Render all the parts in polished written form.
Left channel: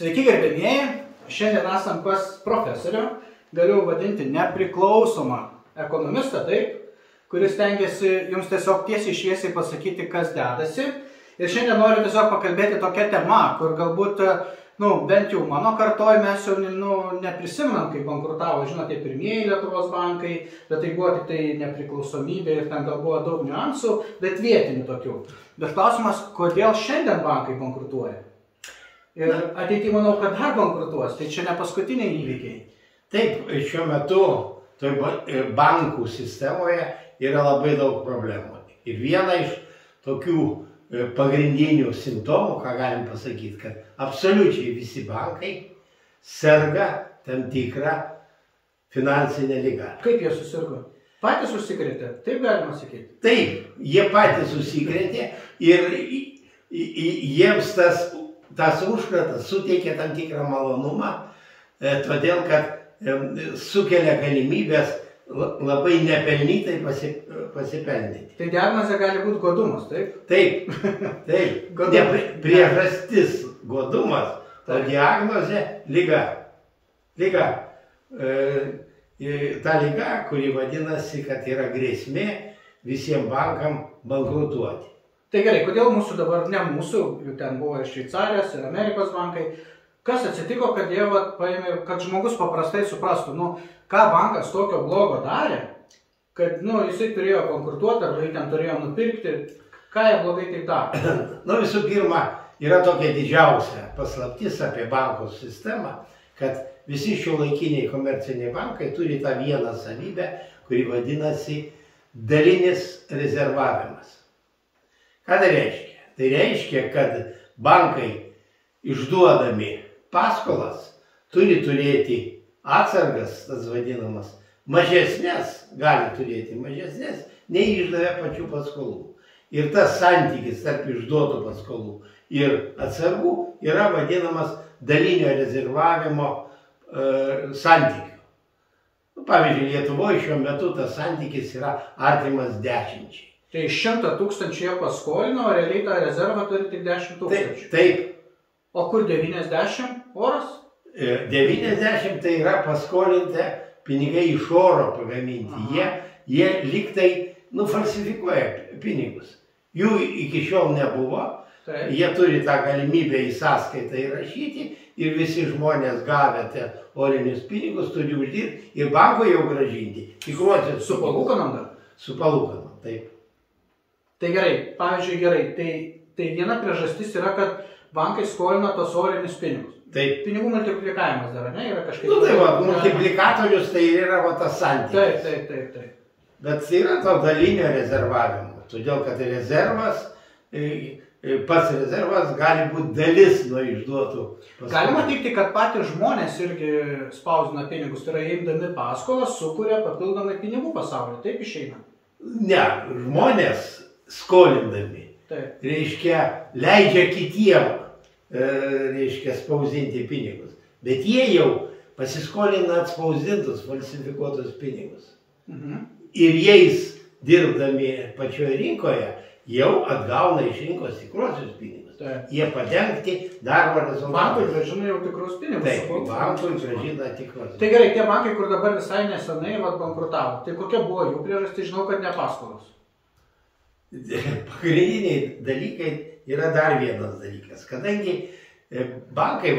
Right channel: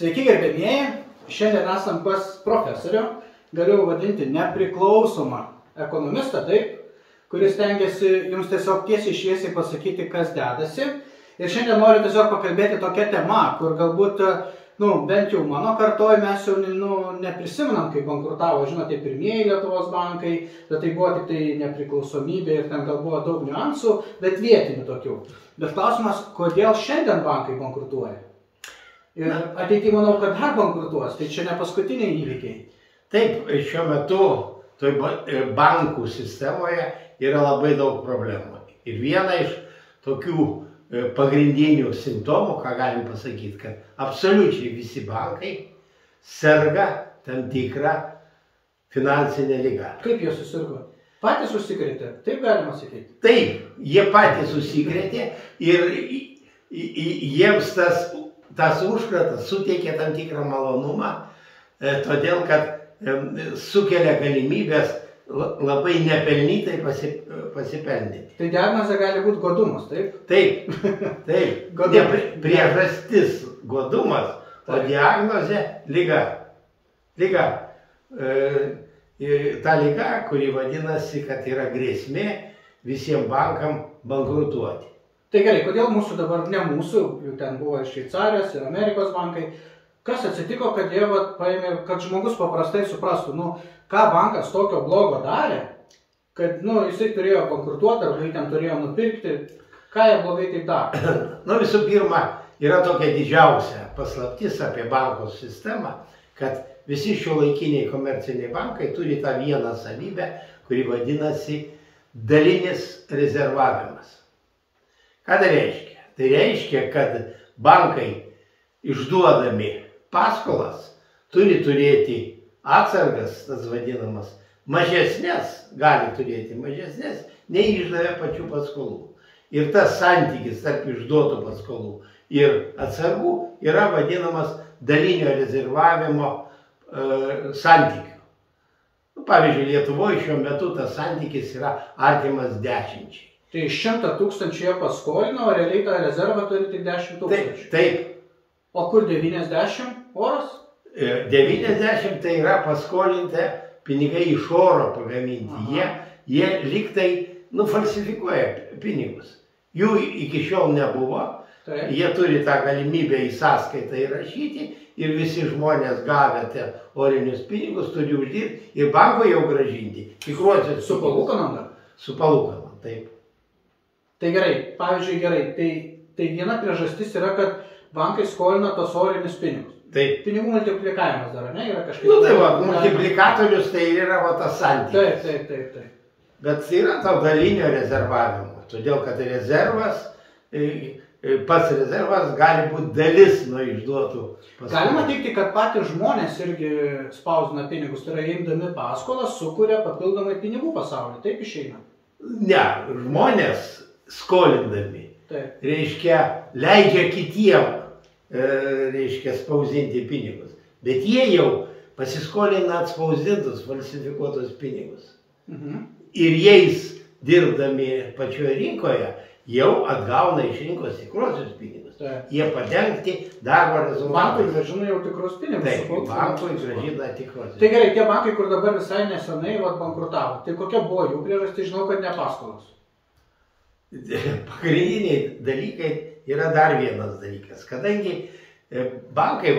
Sveiki gerbėmieji, šiandien esam pas profesorių, galiu vadinti nepriklausomą ekonomistą, taip, kuris tengiasi jums tiesiog tiesiai šviesiai pasakyti, kas dedasi. Ir šiandien noriu tiesiog pakalbėti tokia tema, kur galbūt, bent jau mano kartoj mes jau neprisimenam, kai bankrutavo, žinote, pirmieji Lietuvos bankai, bet tai buvo tik tai nepriklausomybė ir ten gal buvo daug niuansų, bet vietinių tokių. Bet klausimas, kodėl šiandien bankai bankrutuoja? Ir ateityje manau, kad dar bankrutuos, tai čia ne paskutiniai įvykiai. Taip, šiuo metu bankų sistemoje yra labai daug problemų. Ir viena iš tokių pagrindinių simptomų, ką galim pasakyti, kad absoliučiai visi bankai serga tam tikrą finansinę ligą. Kaip jie susirgo? Patys užsikrėtė, taip galima sakyti? Taip, jie patys užsikrėtė ir jiems tas užkratas suteikia tam tikrą malonumą, todėl kad sukelia galimybės labai nepelnytai pasipelnyti. Tai diagnozė gali būti godumas, taip? Taip, taip. Priežastis godumas, o diagnozė lyga. Lyga. Ta lyga, kuri vadinasi, kad yra grėsmė visiems bankam bankrutuoti. Tai gerai, kodėl mūsų dabar, ne mūsų, ten buvo ir Šveicarijos, ir Amerikos bankai, kas atsitiko, kad jie paėmė, kad žmogus paprastai suprastų, ką bankas tokio blogo darė, kad jisai turėjo bankrutuoti, ar jį ten turėjo nupirkti, ką jie blogai taip darė? Visų pirma, yra tokia didžiausia paslaptis apie banko sistemą, kad visi šiuolaikiniai komerciniai bankai turi tą vieną savybę, kuri vadinasi dalinis rezervavimas. Ką tai reiškia? Tai reiškia, kad bankai išduodami paskolas turi turėti atsargas, tas vadinamas, mažesnės, gali turėti mažesnės, nei išdavė pačių paskolų. Ir tas santykis tarp išduotų paskolų ir atsargų yra vadinamas dalinio rezervavimo santykiu. Pavyzdžiui, Lietuvoje šiuo metu tas santykis yra artimas 10. Tai 100 000 jie paskolino, o realiai tą rezervą turi tik 10 000. Taip. O kur 90? Oras? 90 tai yra paskolinti pinigai iš oro pagaminti. Jie lygtai falsifikuoja pinigus. Jų iki šiol nebuvo. Taip. Jie turi tą galimybę į sąskaitą įrašyti ir visi žmonės gavę orinius pinigus turi uždirbti ir banko jau gražinti. Tikruosius su palūkanom dar? Su palūkanom, taip. Tai gerai, pavyzdžiui, tai viena priežastis yra, kad bankai skolina tos orinius pinigus. Taip. Pinigų multiplikavimas dar, ne? Yra kažkaip... Multiplikatorius tai yra tas santykis. Taip. Bet yra to dalinio rezervavimo, todėl kad rezervas, pats rezervas gali būti dalis nuo išduotų paskolų. Galima teikti, kad patys žmonės irgi spausdina pinigus, tai yra imdami paskolas, sukuria papildomai pinigų pasaulį, taip išeina? Ne, žmonės skolindami, reiškia, leidžia kitiem, reiškia, spausdinti pinigus. Bet jie jau pasiskolina atspausdintus, falsifikuotus pinigus. Ir jais dirbdami pačioje rinkoje jau atgauna iš rinkos tikruosius pinigus. Jie padengti darbo rezultatus. Bankui grąžina jau tikrus pinigus. Taip, bankui grąžina tikrus. Tai gerai, tie bankai, kur dabar visai nesenai bankrutavo, tai kokia buvo jų priežastis, žinau, kad ne paskolos. Pagrindiniai dalykai yra dar vienas dalykas. Kadangi bankai,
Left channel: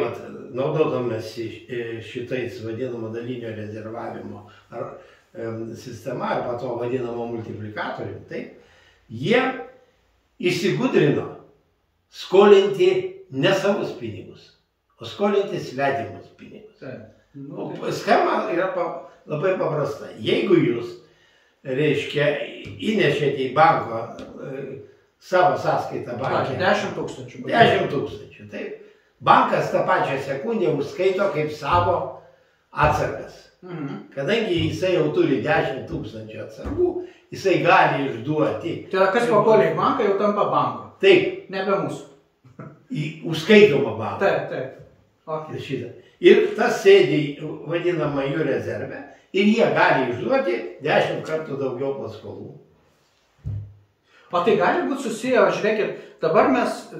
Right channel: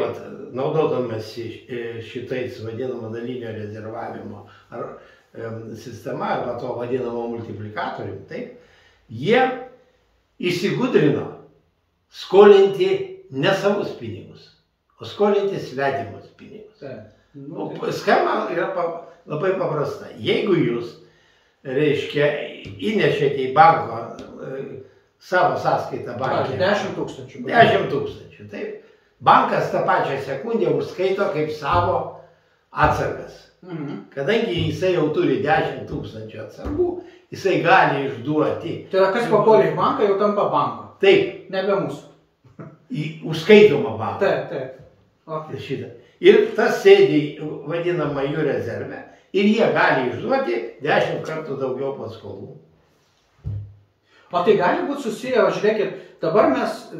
naudodamasi šitais vadinamo dalinio rezervavimo sistema arba to vadinamo multiplikatorium, jie įsigudrino skolinti ne savus pinigus, o skolinti svetimus pinigus. Schema yra labai paprasta. Jeigu jūs, reiškia, įnešėte į banko savo sąskaitą banke 10 000. 10 000, taip. Bankas tą pačią sekundę užskaito kaip savo atsargas. Kadangi jisai jau turi 10 000 atsargų, jisai gali išduoti. Tai yra, kas papuolė į banką, jau tampa banko. Taip. Nebe mūsų. Į užskaitomą banką. Taip. Ir tas sėdi vadinama jų rezerve. Ir jie gali išduoti 10 kartų daugiau paskolų. O tai gali būti susiję, žiūrėkit, dabar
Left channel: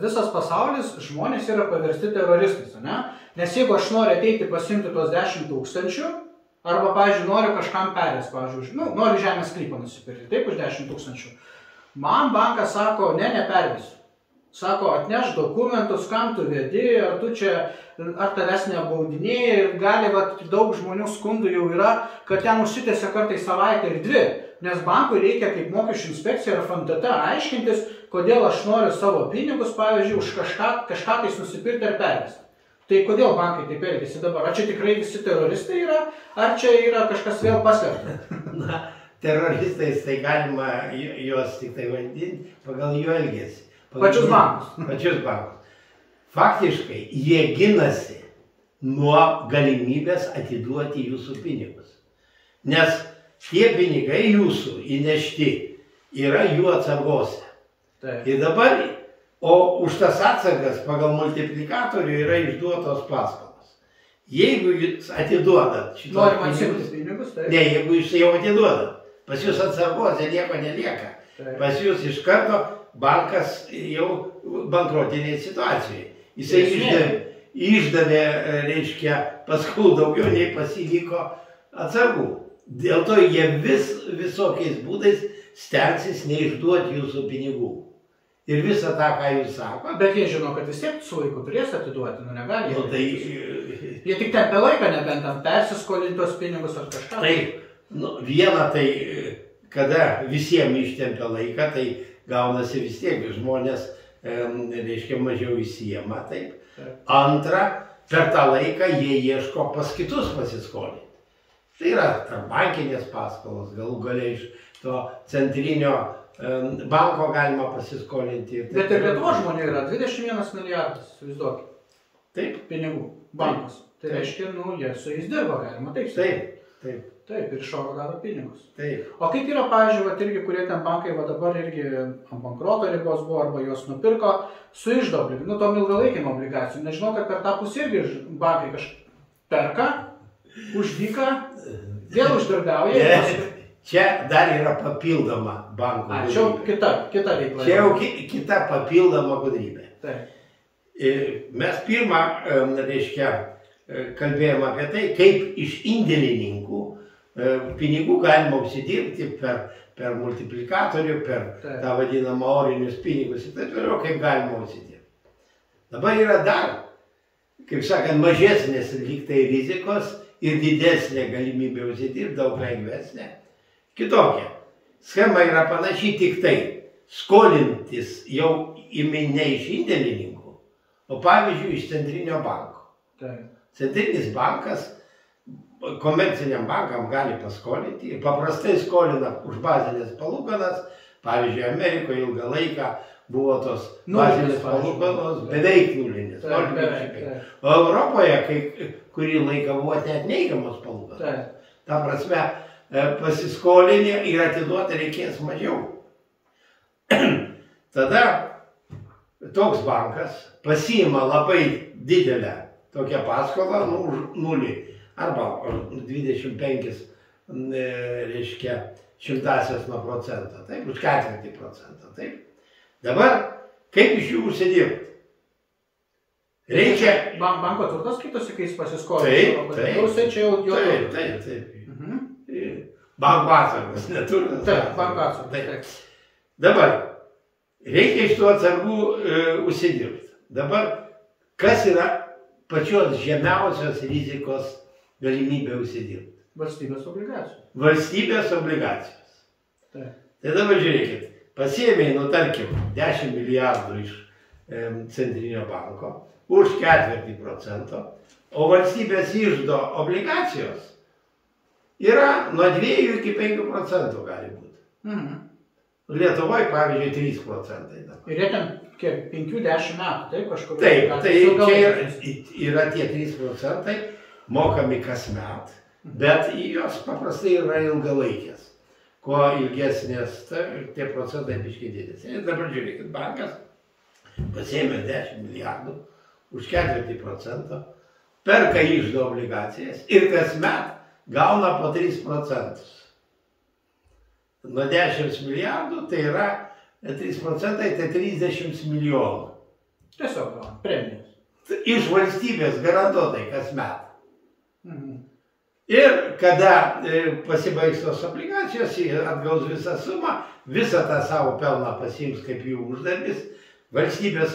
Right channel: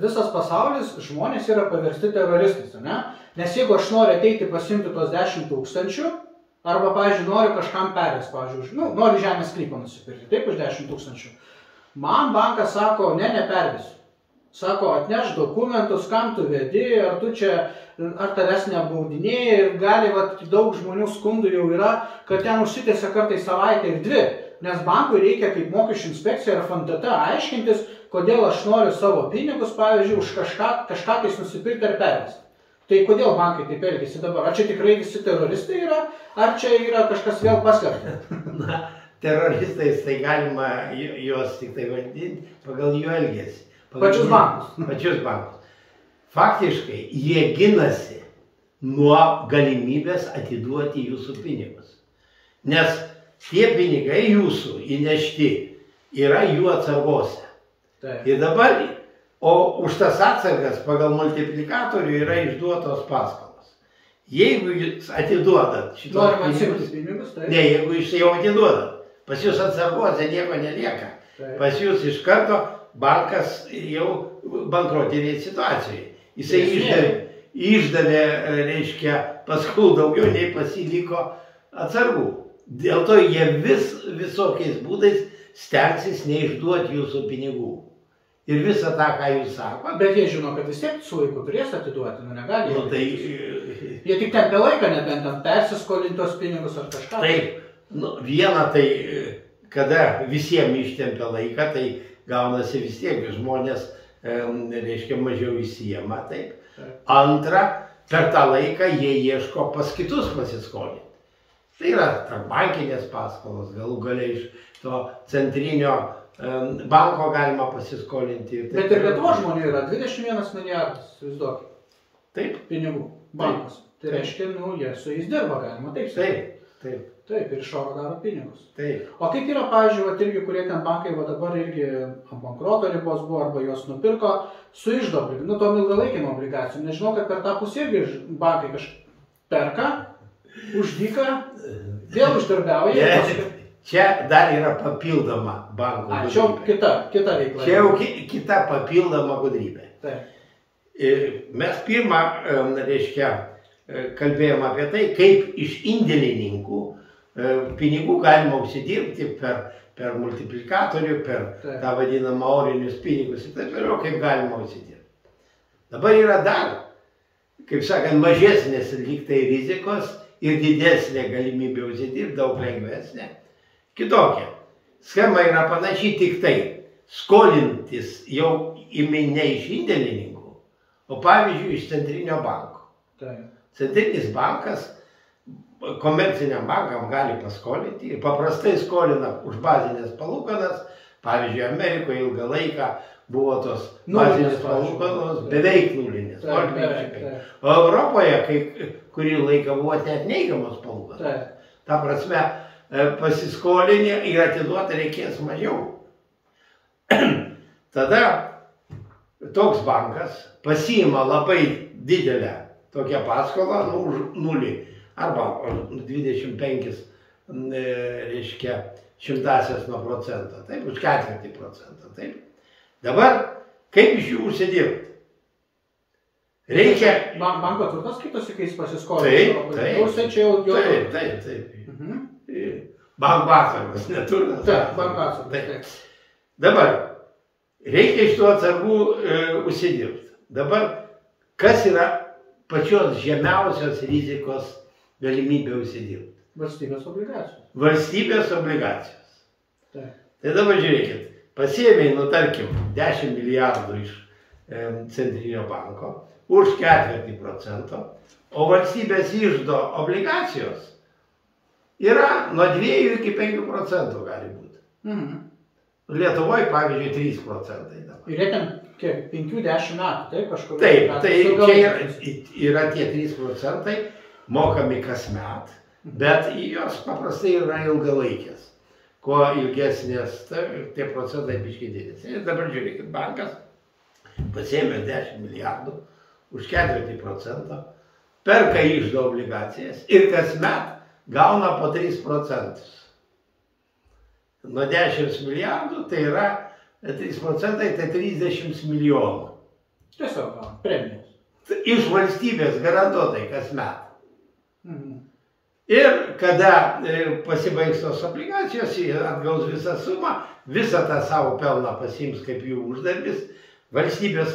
visas pasaulis, žmonės yra paversti teroristais, ne? Nes jeigu aš noriu ateiti pasimti tos 10 000, arba, pavyzdžiui, noriu kažkam perės, pavyzdžiui, noriu žemės sklypą nusipirkti, taip už 10 000. Man bankas sako, nepervesiu. Sako, atneš dokumentus, kam tu vedi, ar tu čia, ar tavęs neapgaudinėjai, ir gali, daug žmonių skundų jau yra, kad ten užsitęsia kartais savaitę ir 2, nes bankui reikia kaip mokesčių inspekcija ir FNTT aiškintis, kodėl aš noriu savo pinigus, pavyzdžiui, už kažką tais nusipirkti ar pervesti. Tai kodėl bankai taip elgiasi dabar? Ar čia tikrai visi teroristai yra, ar čia yra kažkas vėl paslėpta? Na, teroristais tai galima juos tik tai vadinti pagal jų elgesį. Pačius bankus. Pačius bankus. Faktiškai, jie ginasi nuo galimybės atiduoti jūsų pinigus. Nes tie pinigai jūsų įnešti yra jų atsargose. Taip. Ir dabar, o už tas atsargas pagal multiplikatorių yra išduotos paskolos. Jeigu jūs atiduodat šitos pinigus, tai... Ne, jeigu jūs jau atiduodat, pas jūs atsargose nieko nelieka. Taip. Pas jūs iš karto bankas jau bankrotinėje situacijoje. Jisai išdavė, reiškia, paskolų daugiau nei pasiliko atsargų. Dėl to jie visokiais būdais stengsis neišduoti jūsų pinigų. Ir visą tą, ką jūs sakote. Bet jie žino, kad vis tiek su laiku turės atiduoti, negali. Jie tik tempia laiką, nebent ten persiskolintos pinigus ar kažką. Taip, viena tai, kada visiems ištempia laiką, tai gaunasi vis tiek žmonės, reiškia, mažiau įsijama, taip. Antra, per tą laiką jie ieško pas kitus pasiskolinti. Tai yra bankinės paskolos, galų galiai iš to centrinio banko galima pasiskolinti. Bet ir Lietuvos žmonių yra 21 milijardas, įsivaizduokit. Taip. Pinigų bankas. Tai reiškia, jie su jais dirba, galima taip. Taip. Taip, ir iš oro daro pinigus. Taip. O kaip yra, pavyzdžiui, irgi, kurie ten bankai dabar irgi ant bankroto ribos buvo, arba jos nupirko su iždo obligacijom, tom ilgalaikėm obligacijom. Nežinau, kad per tą pusę irgi bankai perka, už dyką, vėl uždarbiauja. Čia dar yra papildoma banko gudrybė. Čia kita veikla. Čia jau kita papildoma gudrybė. Taip. Mes pirmą, reiškia, kalbėjom apie tai, kaip iš indėlininkų pinigų galima užsidirbti per multiplikatorių, per tą vadinamą orinius pinigus ir taip vėliau, kaip galima užsidirbti. Dabar yra dar, kaip sakant, mažesnės lygtai rizikos ir didesnė galimybė užsidirbti, daug lengvesnė. Kitokia. Schema yra panašiai, tik tai skolintis jau ne iš indėlininkų, o pavyzdžiui iš centrinio banko. Centrinis bankas komerciniam bankam gali paskolinti ir paprastai skolina už bazinės palūkanas. Pavyzdžiui, Amerikoje ilgą laiką buvo tos bazinės palūkanos beveik nulinės. O Europoje kurį laiką buvo net neigiamos palūkanos. Ta prasme, pasiskolinę ir atiduoti reikės mažiau. Tada toks bankas pasiima labai didelę tokią paskolą, už 0 arba 25, reiškia, 0,1%, taip, už 0,4%, taip. Dabar, kaip iš jų užsidirbti? Reikia... Banko turtas skaitosi, kai jis pasiskolina. Taip. Banko atsargas neturtas. Taip, banko atsargas. Dabar, reikia iš tų atsargų užsidirbti. Dabar, kas yra pačios žemiausios rizikos galimybė užsidirbti? Valstybės obligacijos. Valstybės obligacijos. Taip. Tai dabar žiūrėkit, pasiėmė, tarkim, 10 milijardų iš centrinio banko už 0,4%, o valstybės iždo obligacijos yra nuo 2 iki 5% gali būti. Lietuvoje, pavyzdžiui, 3%. Ir jie ten kiek, 5-10 metų, taip kažkur? Taip, tai čia yra tie 3% mokami kasmet, bet jos paprastai yra ilgalaikės. Kuo ilgesnės, tie procentai biškai didesni. Ir dabar žiūrėkit, bankas pasiėmė 10 milijardų už 0,4%, perka iždo obligacijas ir kasmet gauna po 3%. Nuo 10 milijardų tai yra 3 procentai tai 30 milijonų. Tiesiog gauna premijas. Iš valstybės garantuotai kasmet. Mhm. Ir kada pasibaigs tos obligacijos, jie atgaus visą sumą, visą tą savo pelną pasiims kaip jų uždarbis, valstybės,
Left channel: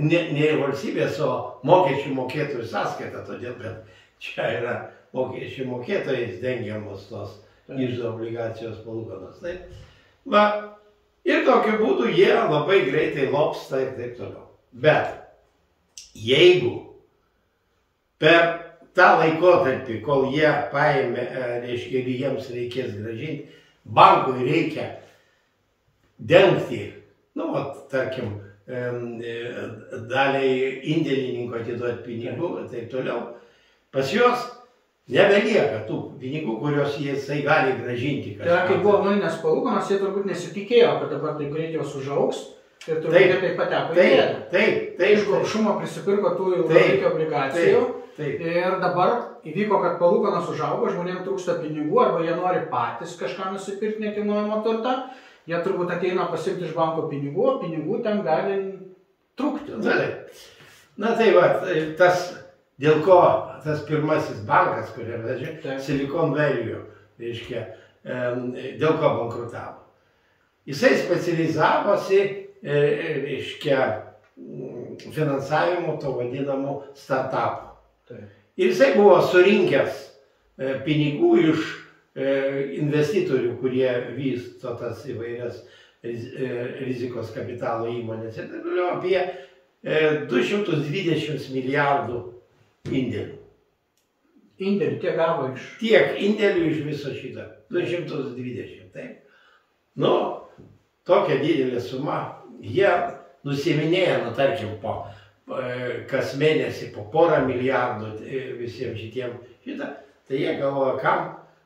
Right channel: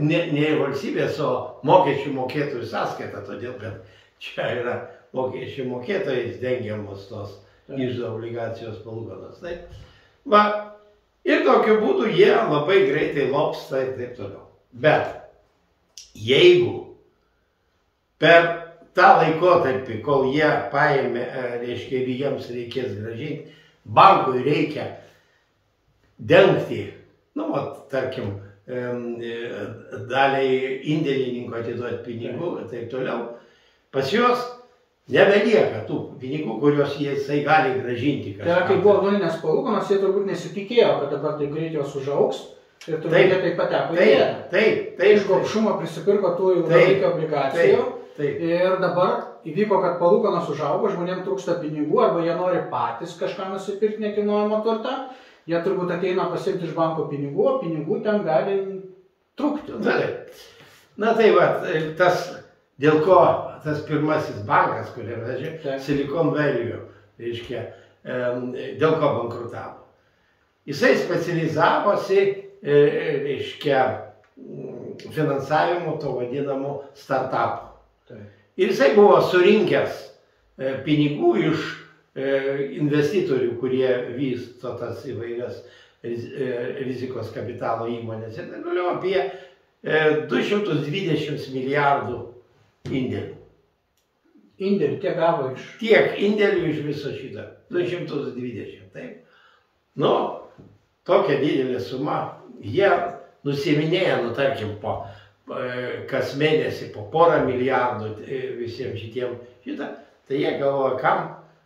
ne valstybės, o mokesčių mokėtojų sąskaita, todėl kad čia yra mokesčių mokėtojais dengiamos tos iždo obligacijos palūkanos. Va, ir tokiu būdu jie labai greitai lopsta ir taip toliau. Bet jeigu per tą laikotarpį, kol jie paėmė, reiškia, ir jiems reikės grąžinti, bankui reikia dengti, nu, tarkim, daliai indėlininko atiduoti pinigų ir taip toliau, pas juos nebelieka tų pinigų, kuriuos jisai gali grąžinti. Tai kai buvo nulinės palūkanos, jie turbūt nesitikėjo, kad dabar taip greit jos užaugs ir turbūt jie taip pateko į bėdą. Taip. Iš gobšumo prisipirko tų ilgalaikio obligacijų ir dabar įvyko, kad palūkanos užaugo, žmonėms trūksta pinigų arba jie nori patys kažką nusipirkti nekilnojamo turtą, jie turbūt ateina pasiimti iš banko pinigų, o pinigų ten gali trūkti. Na tai va, tas, dėl ko tas pirmasis bankas, kuriam vežė, Silicon Valley, reiškia, dėl ko bankrutavo. Jisai specializavosi, reiškia, finansavimu to vadinamo startupų. Ir jisai buvo surinkęs pinigų iš investitorių, kurie vysto tas įvairias rizikos kapitalo įmonės. Ir taip toliau apie 220 milijardų indėlių. Indėlių tiek gavo iš... Tiek indėlių iš viso šito. 220, taip. Nu, tokia didelė suma. Jie nusiminėja, nu, tarkim, kas mėnesį po porą milijardų visiems šitiem šitą. Tai jie galvoja, kam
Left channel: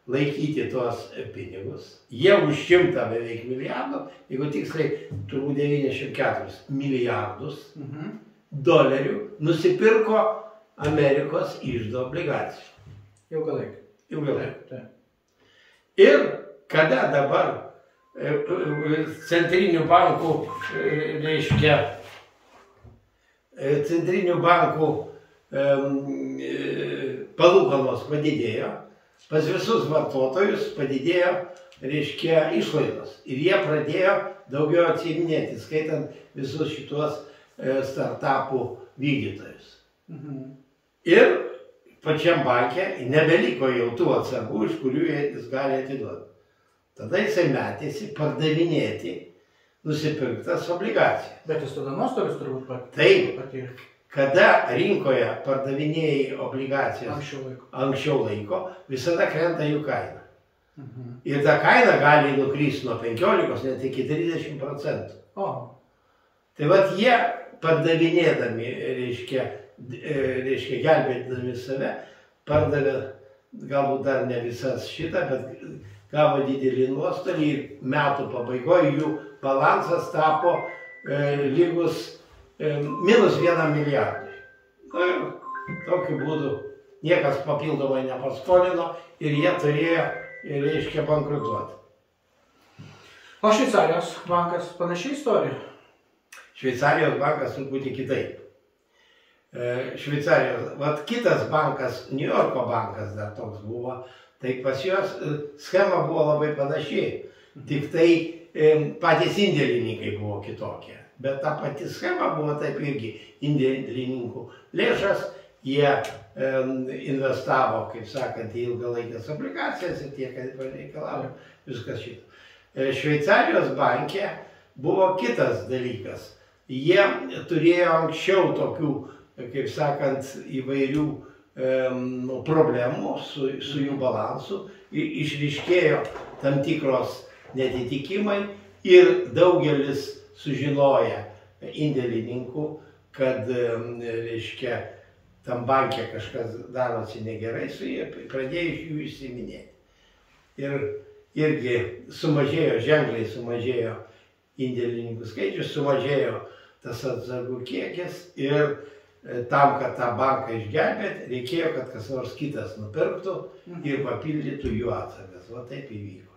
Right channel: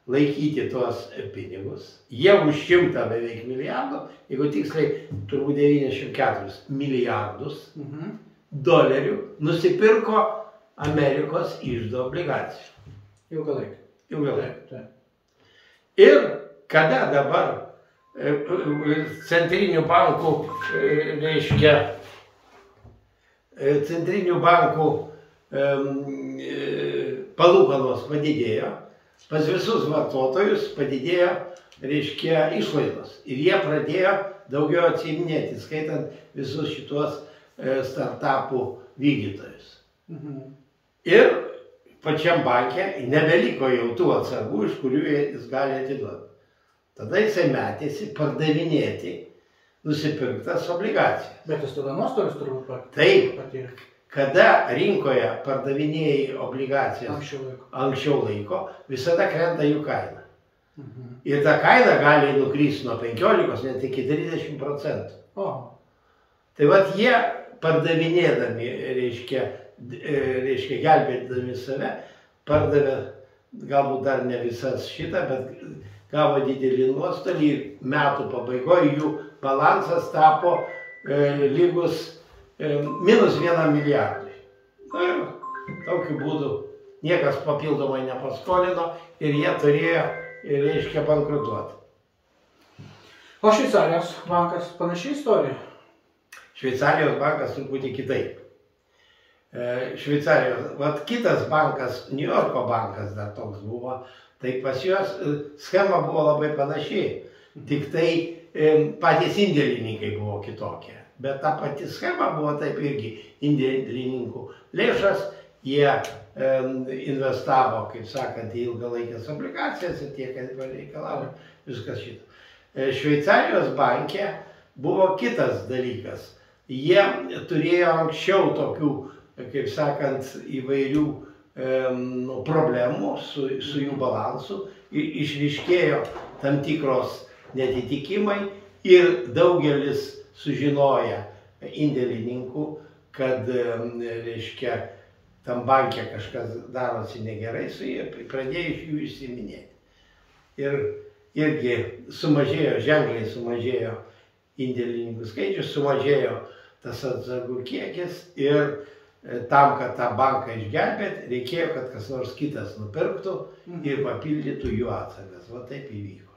laikyti tuos pinigus. Jie už 100 beveik milijardų, jeigu tiksliai turbūt 94 milijardus dolerių nusipirko Amerikos iždo obligacijų. Ilgalaikį. Ir kada dabar centrinių bankų, reiškia, centrinių bankų palūkanos padidėjo, pas visus vartotojus padidėjo, reiškia, išlaidos. Ir jie pradėjo daugiau atsiiminėti, skaitant visus šitos startupų vykdytojus. Ir pačiam banke nebeliko jau tų atsargų, iš kurių jis gali atiduoti. Tada jisai metėsi pardavinėti nusipirktas obligacijas. Bet jis tada nuostolis turbūt patyrė. Taip, kada rinkoje pardavinėjai obligacijas anksčiau laiko, visada krenta jų kaina. Ir ta kaina gali nukristi nuo 15 net iki 30%. Tai vat jie pardavinėdami, reiškia, gelbėdami save, pardavė galbūt dar ne visas šitą, bet gavo didelį nuostolį ir metų pabaigoje jų balansas tapo lygus minus 1 milijardui. Tokiu būdu niekas papildomai nepaskolino ir jie turėjo, reiškia, bankrutuoti. O Šveicarijos bankas panašiai istorija? Šveicarijos bankas truputį kitaip. Šveicarijos, vat kitas bankas, New Yorko bankas dar toks buvo, tai pas juos schema buvo labai panašiai, tik tai patys indėlininkai buvo kitokie. Bet ta pati schema buvo taip irgi indėlininkų lėšas, jie investavo, kaip sakant, į ilgalaikės obligacijas ir tie, kad reikalavo viskas šito. Šveicarijos banke buvo kitas dalykas. Jie turėjo anksčiau tokių, kaip sakant, įvairių problemų su jų balansu, išryškėjo tam tikros netitikimai ir daugelis sužinoja indėlininkų, kad, reiškia, tam banke kažkas darosi negerai, su jie pradėjo iš jų išsiminėti. Ir irgi sumažėjo, ženkliai sumažėjo indėlininkų skaičius, sumažėjo tas atsargų kiekis ir tam, kad tą banką išgelbėti, reikėjo, kad kas nors kitas nupirktų ir papildytų jų atsargas. Va taip įvyko.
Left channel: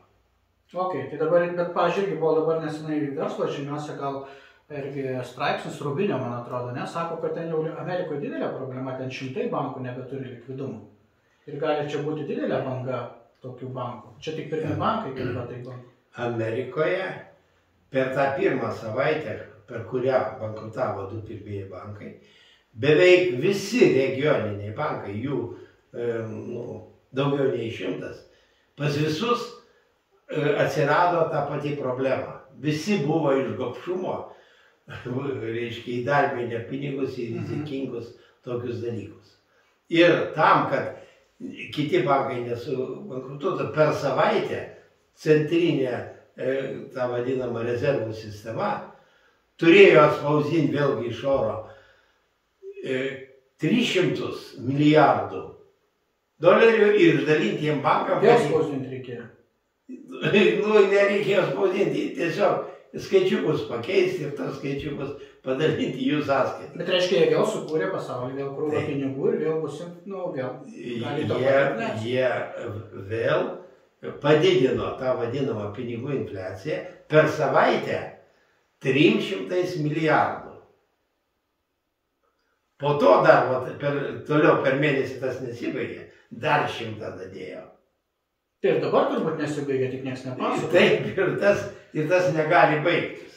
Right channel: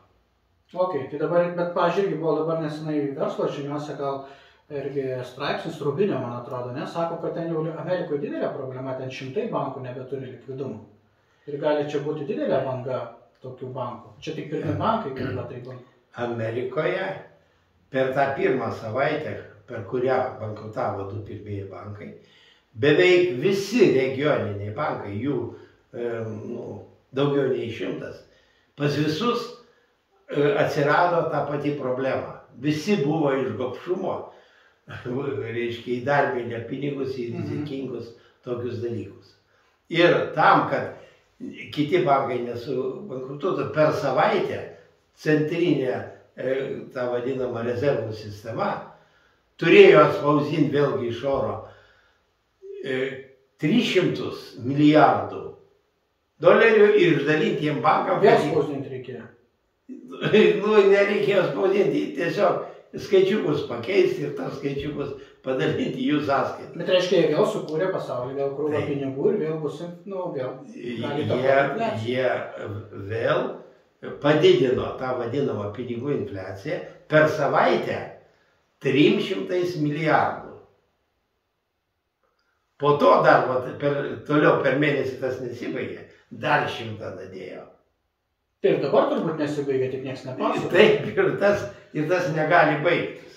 Ok, tai dabar, bet pažiūrėk, buvo dabar nesenai verslo žiniuose gal irgi straipsnis Rubinio, man atrodo, ne, sako, kad ten jau Amerikoje didelė problema, ten 100 bankų nebeturi likvidumo. Ir gali čia būti didelė banga tokių bankų. Čia tik pirmi bankai, kaip yra tai bankų. Amerikoje per tą pirmą savaitę, per kurią bankrutavo 2 pirmieji bankai, beveik visi regioniniai bankai, jų daugiau nei 100, pas visus atsirado ta pati problema. Visi buvo iš gobšumo, reiškia, įdarbinę pinigus į rizikingus tokius dalykus. Ir tam, kad kiti bankai nesubankrutuotų, per savaitę centrinė, ta vadinama rezervų sistema, turėjo atspausdinti vėlgi iš oro 300 milijardų dolerių ir išdalinti jiem bankam. Vėl spausdinti reikėjo. Nereikėjo spausdinti, tiesiog skaičiukus pakeisti ir tas skaičiukus padalinti jų sąskaitą. Bet reiškia, jie vėl sukūrė pasaulį, vėl krūvą pinigų ir vėl bus, vėl. Jie vėl padidino tą vadinamą pinigų infliaciją per savaitę 300 milijardų. Po to dar, toliau per mėnesį tas nesibaigė, dar 100 dadėjo. Ir dabar turbūt nesibaigia, tik nieks nepasakoja. Taip, ir tas negali baigtis.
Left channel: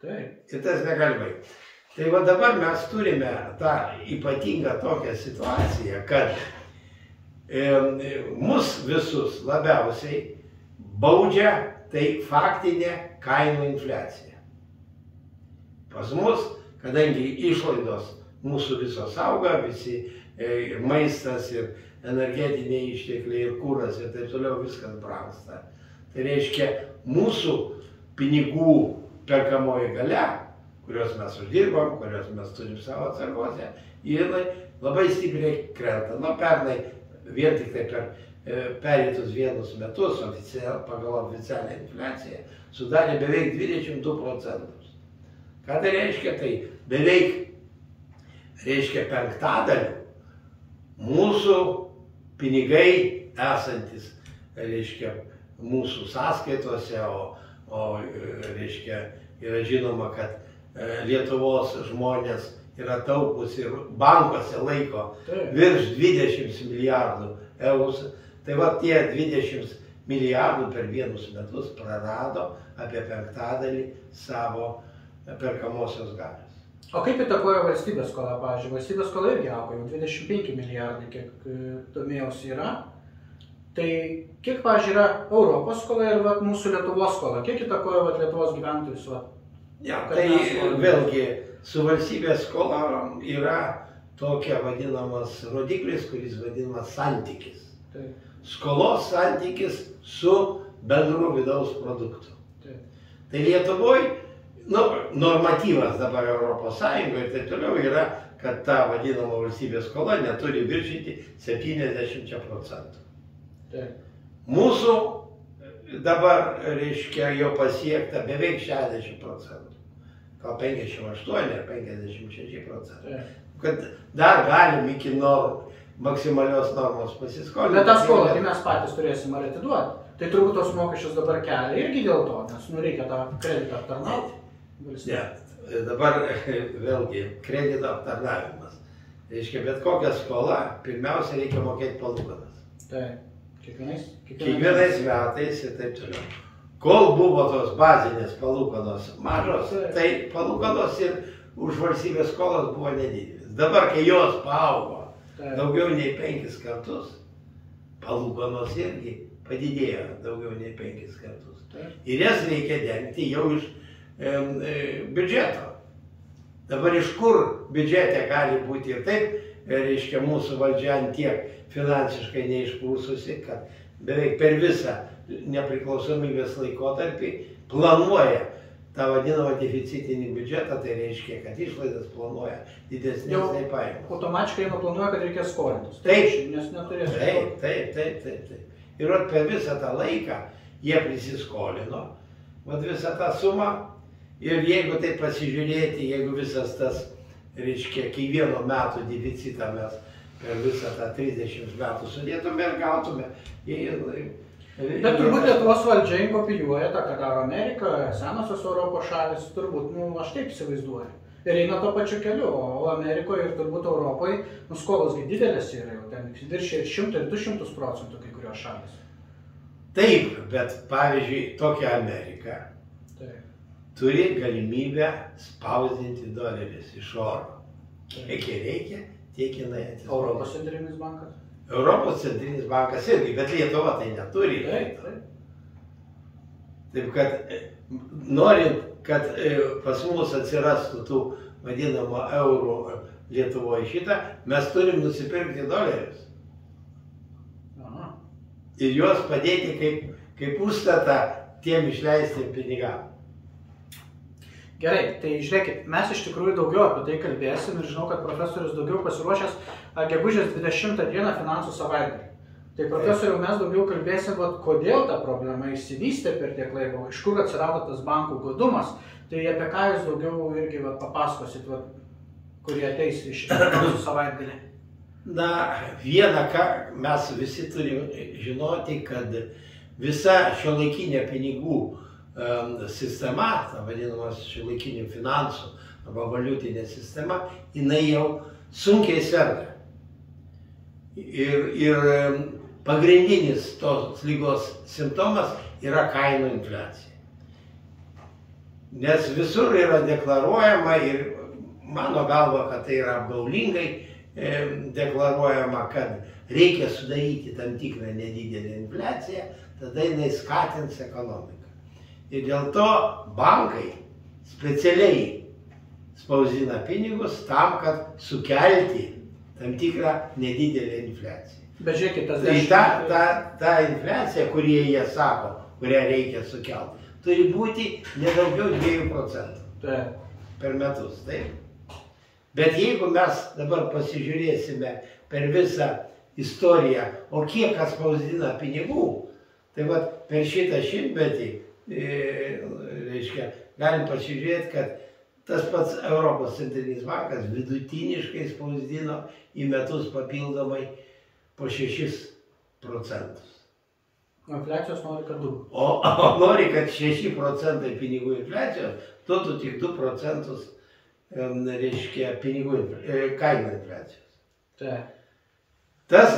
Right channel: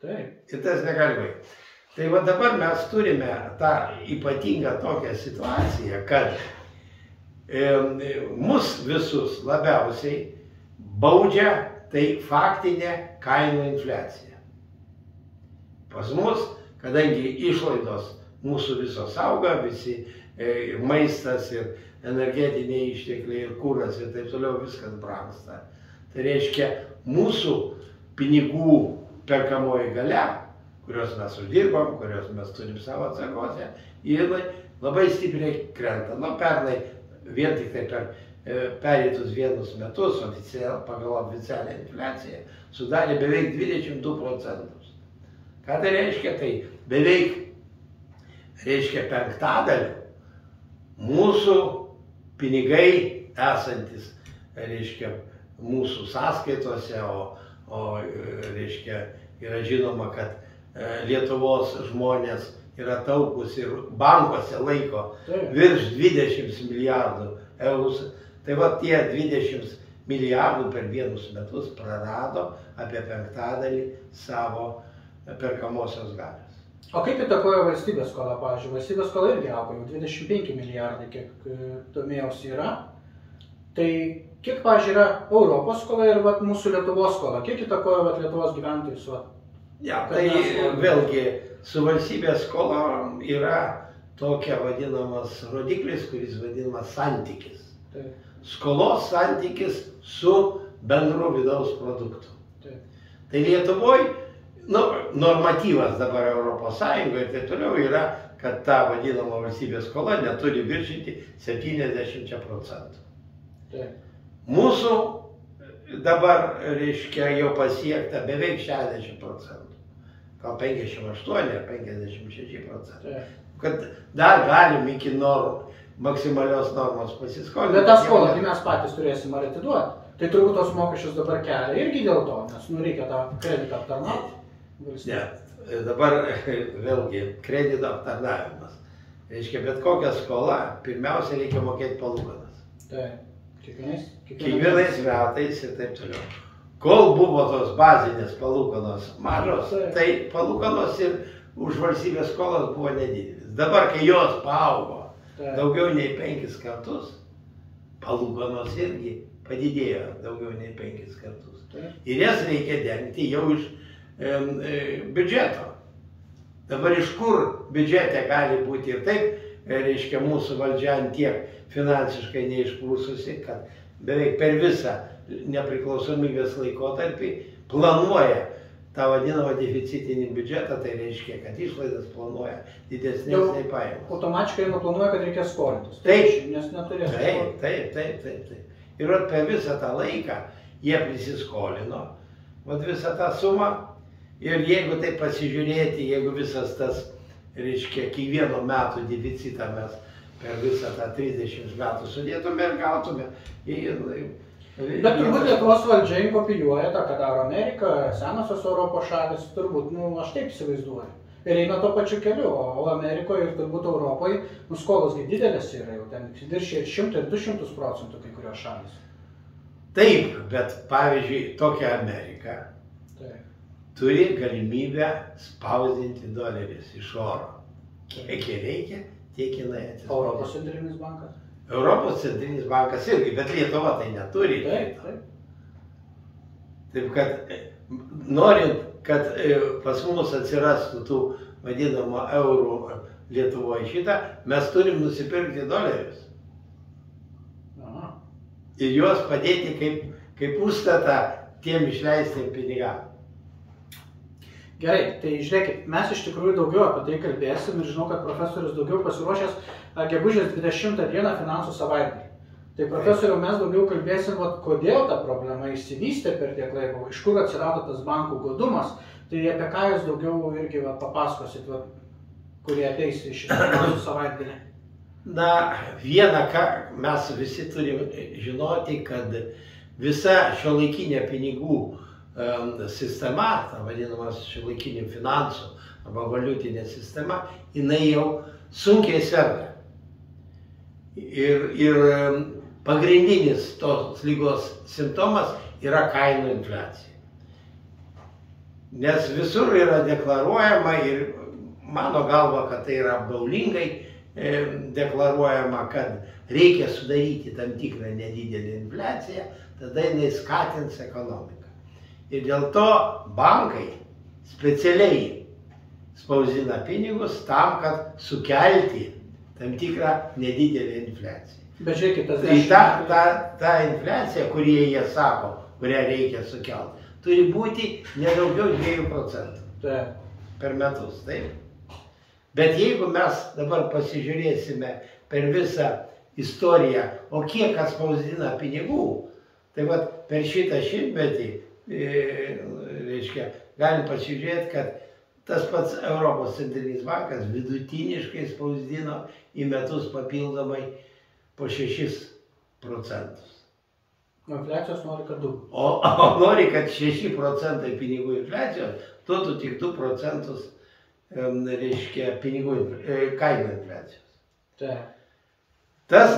Taip. Ir tas negali baigtis. Tai va dabar mes turime tą ypatingą tokią situaciją, kad mus visus labiausiai baudžia tai faktinė kainų infliacija. Pas mus, kadangi išlaidos mūsų visos auga, visi maistas ir energetiniai ištekliai ir kūras ir taip toliau viskas brangsta. Tai reiškia, mūsų pinigų perkamoji galia, kurios mes uždirbam, kurios mes turim savo atsargose, jinai labai stipriai krenta. Pernai vien tik tai per pereitus vienus metus pagal oficialią infliaciją sudarė beveik 22%. Ką tai reiškia? Tai beveik reiškia 1/5 mūsų pinigai esantis, reiškia, mūsų sąskaitose, o reiškia, yra žinoma, kad Lietuvos žmonės yra taupus ir bankuose laiko virš 20 milijardų eurų. Tai va tie 20 milijardų per vienus metus prarado apie 1/5 savo perkamosios galios. O kaip įtakoja valstybės skola, pavyzdžiui? Valstybės skola irgi auga, jau 25 milijardai, kiek domėjausi yra. Tai kiek, pavyzdžiui, yra Europos skola ir mūsų Lietuvos skola? Kiek įtakoja Lietuvos gyventojus? Tai vėlgi su valstybės skola yra tokia vadinamas rodiklis, kuris vadinamas santykis. Skolos santykis su bendru vidaus produktu. Tai Lietuvoje normatyvas dabar Europos Sąjungoje ir taip toliau yra, kad ta vadinama valstybės skola neturi viršyti 70%. Mūsų dabar, reiškia, jau pasiekta beveik 60%. Gal 58 ar 56%. Kad dar galim iki maksimalios normos pasiskolinti. Bet tą skolą tai mes patys turėsim ar atiduoti. Tai turbūt tos mokesčius dabar kelia irgi dėl to, nes reikia tą kreditą aptarnauti. Ne, dabar vėlgi kredito aptarnavimas. Reiškia, bet kokią skolą pirmiausia reikia mokėti palūkanas. Taip, kiekvienais metais ir taip toliau. Kol buvo tos bazinės palūkanos mažos, tai palūkanos ir už valstybės skolas buvo nedidelis. Dabar, kai jos paaugo daugiau nei 5 kartus, palūkanos irgi padidėjo daugiau nei 5 kartus. Ir jas reikia dengti jau iš biudžeto. Dabar iš kur biudžete gali būti ir taip, reiškia, mūsų valdžia tiek finansiškai neišprūsusi, kad beveik per visą nepriklausomybės laikotarpį planuoja tą vadinamą deficitinį biudžetą, tai reiškia, kad išlaidas planuoja didesnės nei pajamas. Automatiškai planuoja, kad reikia skolintis. Taip, nes neturės. Taip. Ir per visą tą laiką jie prisiskolino, visą tą sumą. Ir jeigu tai pasižiūrėti, jeigu visas tas, reiškia, kiekvieno metų deficitą mes per visą tą 30 metų sudėtume ir gautume Bet turbūt Lietuvos valdžia kopijuoja tą, ką daro Amerika, senosios Europos šalis, turbūt, aš taip įsivaizduoju. Ir eina to pačiu keliu, o Amerikoje ir turbūt Europoje, skolos didelės yra jau ten, viršė ir 100 ir 200% kai kurios šalis. Taip, bet pavyzdžiui, tokia Amerika turi galimybę spausdinti dolerius iš oro. Kiek reikia, tiek jinai atsispausdina. Europos centrinis bankas? Europos centrinis bankas irgi, bet Lietuva tai neturi. Taip. Taip, kad norint, kad pas mus atsirastų tų vadinamo eurų Lietuvoje šitą, mes turim nusipirkti dolerius. Aha. Ir juos padėti kaip užstatą tiem išleistiem pinigam. Gerai, tai žiūrėkit, mes iš tikrųjų daugiau apie tai kalbėsim ir žinau, kad profesorius daugiau pasiruošęs gegužės 20 dieną finansų savaitgalį. Tai profesoriau, mes daugiau kalbėsim, kodėl ta problema išsivystė per tiek laiko, iš kur atsirado tas bankų godumas, tai apie ką jūs daugiau irgi papasakosit, kurie ateis į šitą finansų savaitgalį. Na, vieną ką mes visi turime žinoti, kad visa šiuolaikinė pinigų sistema, ta vadinamas šiuolaikinių finansų arba valiutinė sistema, jinai jau sunkiai serga. Ir pagrindinis tos lygos simptomas yra kainų infliacija. Nes visur yra deklaruojama ir mano galva, kad tai yra apgaulingai deklaruojama, kad reikia sudaryti tam tikrą nedidelę infliaciją, tada jinai skatins ekonomiką. Ir dėl to bankai specialiai spausdina pinigus tam, kad sukelti tam tikrą nedidelę infliaciją. Bet žiūrėkit, tas ta infliacija, kurie jie sako, kurią reikia sukelti, turi būti nedaugiau 2% per metus. Taip. Bet jeigu mes dabar pasižiūrėsime per visą istoriją, o kiek kas spausdina pinigų, tai per šitą šimtmetį galim pasižiūrėti, kad tas pats Europos centrinis bankas vidutiniškai spausdino į metus papildomai po 6%. O infliacijos nori, kad 2. O nori, kad 6% pinigų infliacijos, duotų tik 2% kainų infliacijos. Taip. Tas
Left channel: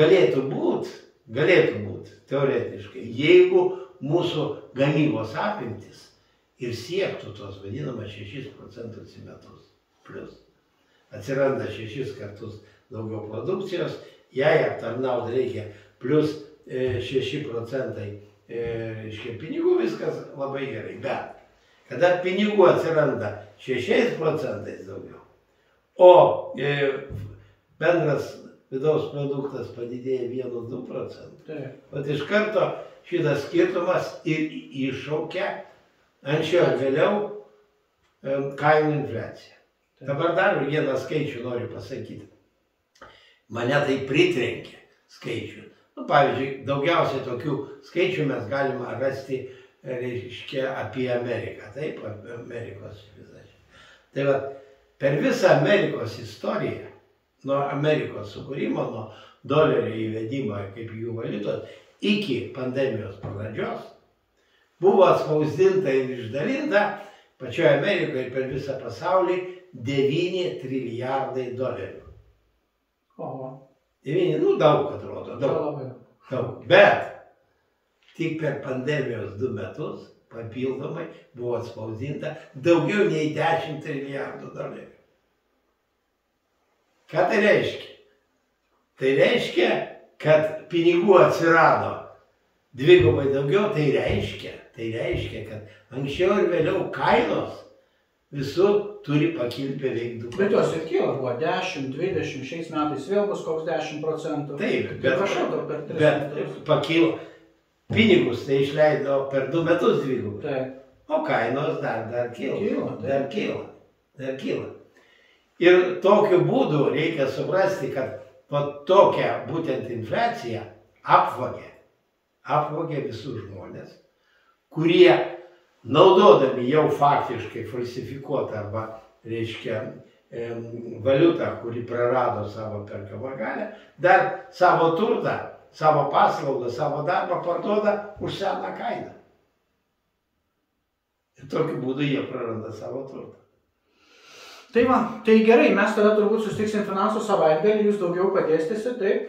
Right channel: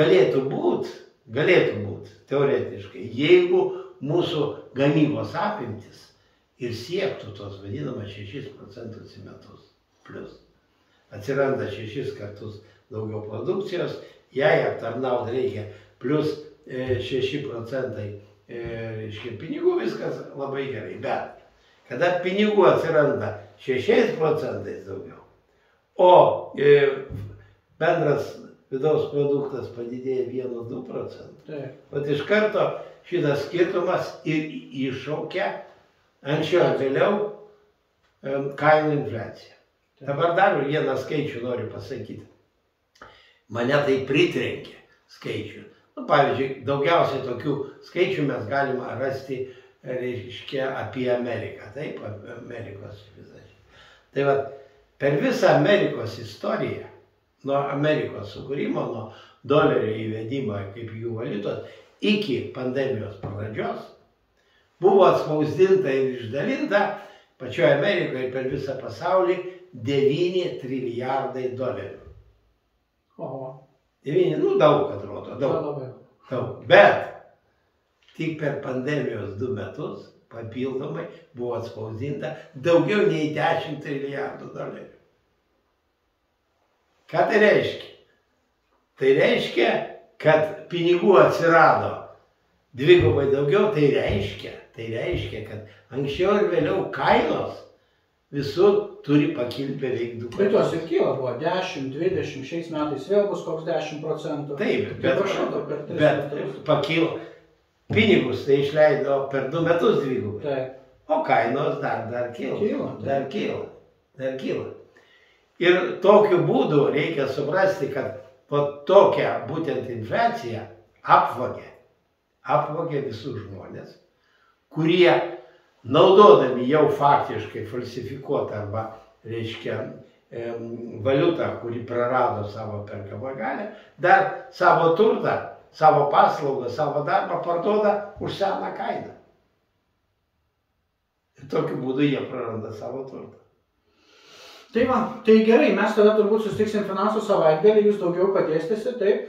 galėtų būt teoretiškai, jeigu mūsų gamybos apimtis ir siektų tos vadinamas 6% į metus plus. Atsiranda 6 kartus daugiau produkcijos, jai aptarnauti reikia plus 6% pinigų, viskas labai gerai. Bet kada pinigų atsiranda 6% daugiau, o bendras vidaus produktas padidėja 1-2%, iš karto šitas skirtumas ir iššaukia anksčiau ar vėliau kainų infliaciją. Dabar dar vieną skaičių noriu pasakyti. Mane tai pritrenkė skaičių. Pavyzdžiui, daugiausiai tokių skaičių mes galime rasti apie Ameriką. Taip, apie Amerikos visą. Tai per visą Amerikos istoriją, nuo Amerikos sukūrimo, nuo dolerio įvedimo kaip jų valiutos, iki pandemijos pradžios buvo atspausdinta ir išdalinta pačioje Amerikoje ir per visą pasaulį 9 trilijardai dolerių. Oho. 9, daug atrodo, daug. Bet tik per pandemijos 2 metus papildomai buvo atspausdinta daugiau nei 10 trilijardų dolerių. Ką tai reiškia? Tai reiškia, kad pinigų atsirado dvigubai daugiau, tai reiškia, kad anksčiau ir vėliau kainos visur turi pakilti beveik 2%. Bet jos ir kyla, buvo 10, 20, šiais metais vėl bus koks 10%. Taip, bet pakilo. Pinigus tai išleido per 2 metus dvigubai. O kainos dar kyla. Ir tokiu būdu reikia suprasti, kad tokia būtent infliacija apvogė visus žmonės, kurie naudodami jau faktiškai falsifikuotą arba, valiutą, kuri prarado savo perkamą galią, dar savo turtą savo paslaugą, savo darbą parduoda už seną kainą. Ir tokiu būdu jie praranda savo turtą. Tai va, tai gerai, mes tada turbūt susitiksim finansų savaitgalį, jūs daugiau padėstysit, taip?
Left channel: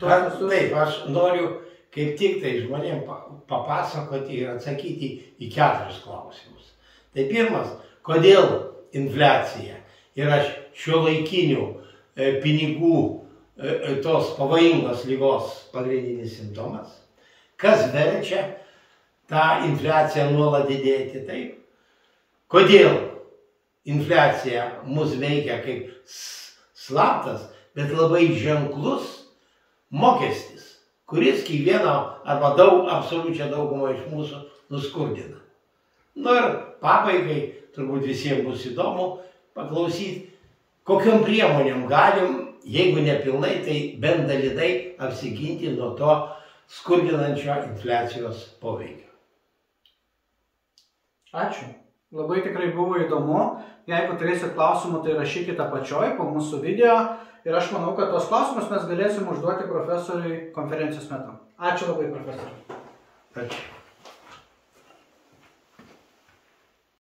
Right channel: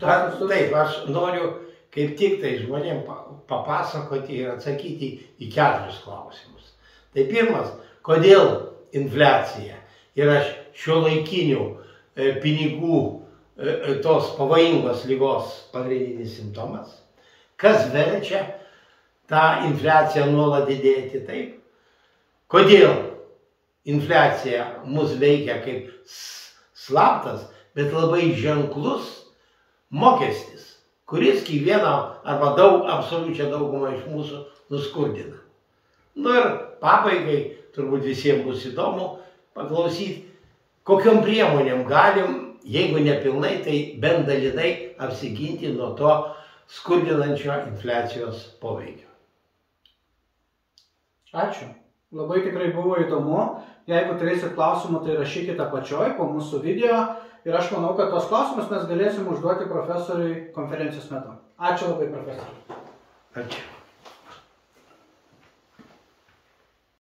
Taip, aš noriu kaip tik tai žmonėm papasakoti ir atsakyti į 4 klausimus. Tai pirmas, kodėl infliacija yra šiuolaikinių pinigų tos pavojingos ligos pagrindinis simptomas, kas verčia tą infliaciją nuolat didėti, taip? Kodėl infliacija mus veikia kaip slaptas, bet labai ženklus mokestis, kuris kiekvieną arba absoliučią daugumą iš mūsų nuskurdina. Nu ir pabaigai turbūt visiems bus įdomu paklausyti, kokiom priemonėm galim, jeigu nepilnai, tai bent dalinai apsiginti nuo to skurdinančio infliacijos poveikio. Ačiū. Labai tikrai buvo įdomu. Jeigu turėsit klausimų, tai rašykite apačioj po mūsų video. Ir aš manau, kad tos klausimus mes galėsim užduoti profesoriui konferencijos metu. Ačiū labai, profesoriui. Ačiū.